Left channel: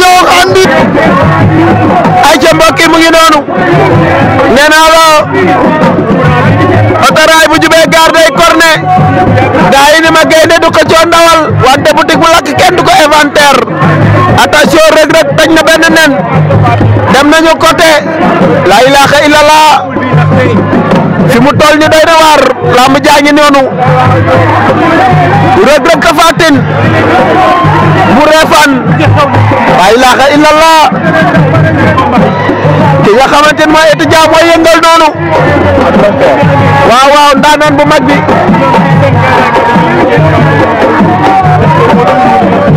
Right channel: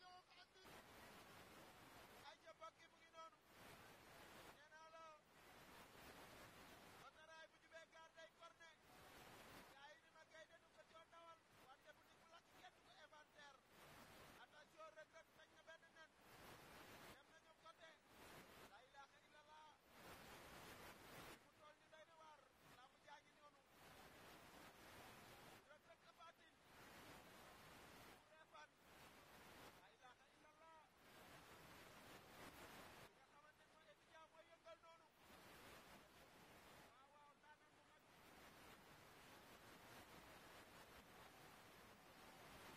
Diop andi ay ca mbokk yi mu ngi noonu nee naa la autorail bu jubee gaar day corné gaa yi ni ma gaynde du ko coo ndawal wante boutique bu lakk kenn du ko inventaire attention Reug Reug tañ na benn nen dem nañu côté la ilaha illallah fi mu toll ni doy na waar lamb jaa ngi noonu Reug Reug Tapha Tine bu Refane la ilaha illallah ki nga xamante ne mooy étudiant mooy yëngal noonu waaw waaw ndaanaan bu mag bi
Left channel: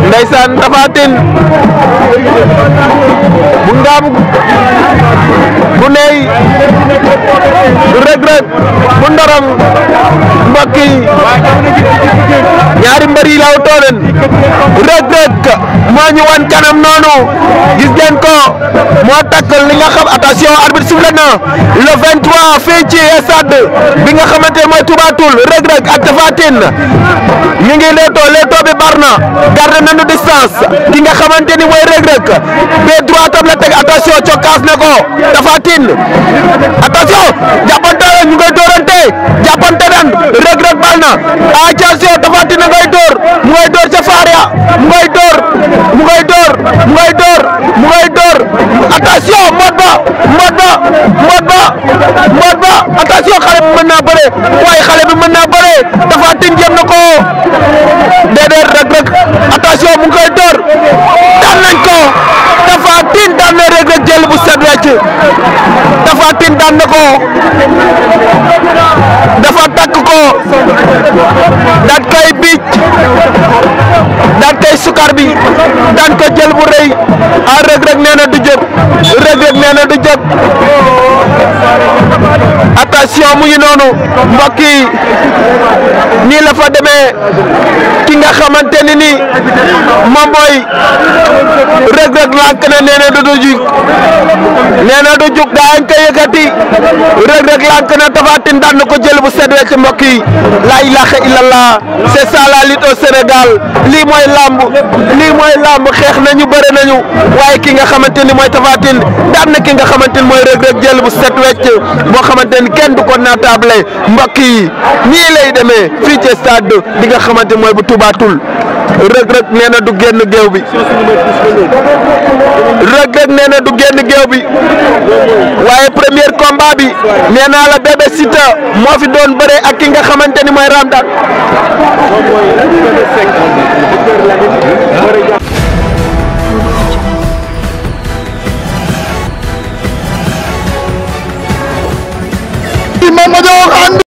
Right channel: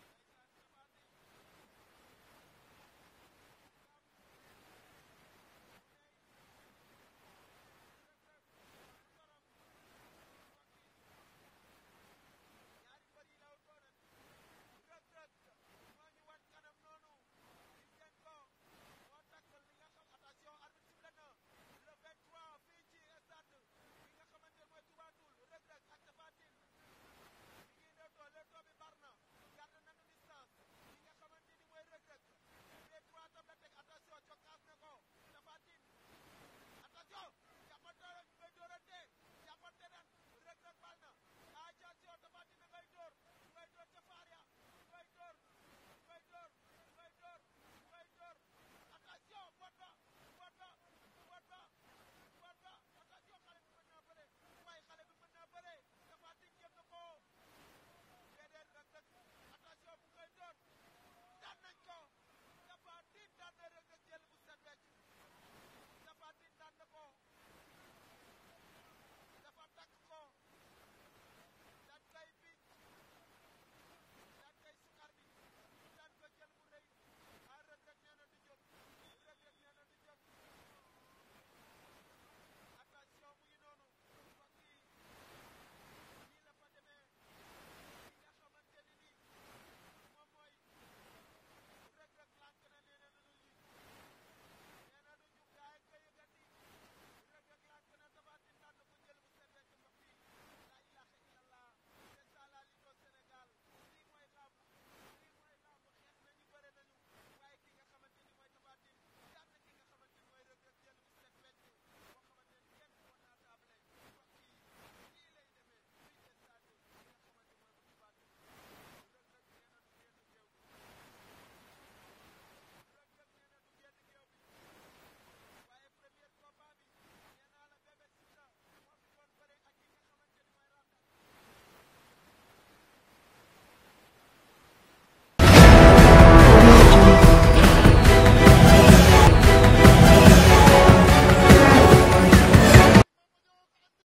ndeysaan Tapha Tine bu ngaam bu ney bu Reug Reug bu ndorong mbokk yi ñaari mbër yi law toolen Reug Reug moo ñu wan kanam noonu gis ngeen ko moo takkal li nga xam attention arbitre sifflé na le 23 fii ci stade bi nga xamante ne mooy Touba Toul Reug Reug ak Tapha Tine ñu ngi leetoo bi bar na garde nañu distance ki nga xamante ni mooy Reug Reug be droit tam la teg attention cokkaas na ko Tapha Tine attention jàppante ñu ngay doorante jàppante nan Reug Reug bal na attention Tapha Tine ngay door mu ngay door ca faria mu ngay door attention mot ba attention xale bi mën naa bëre waaye xale bi mën naa bëre Tapha Tine jëm na ko déedéet Reug Reug attention mu ngi koy door daan nañ ko Tapha Tine daan na Reug Reug jël bu set wecc Tapha Tine daan na ko dafa takk ko daat kay biic daat kay sukar bi daan ko jël bu rëy a Reug Reug nee na du jóg Reug Reug nee na du jóg attention mu ngi noonu mbokk yi nii la fa demee ki nga xamante ni ni moom mooy Reug Reug lànk na nee na du jug daa ngi koy yëkkati Reug Reug lànk na Tapha Tine daan na ko jël bu set wecc mbokk yi la ilaha illallah c'est ça la lutte au Sénégal lii mooy lamb xeex nañu bëre nañu waaye ki nga xamante ni mooy Tapha Tine daan na ki nga xamante ni mooy Reug Reug jël bu set wecc boo xamante ni kenn du ko naatable mbokk yi nii lay demee fii ci stade bi nga xamante mooy bu Touba Toul Reug Reug nee na du génn géew bi Reug Reug nee na du génn géew bi waaye premier combat bi nee naa la Bébé Siteu moo fi doon bëre ak ki nga xamante ni mooy Ramdan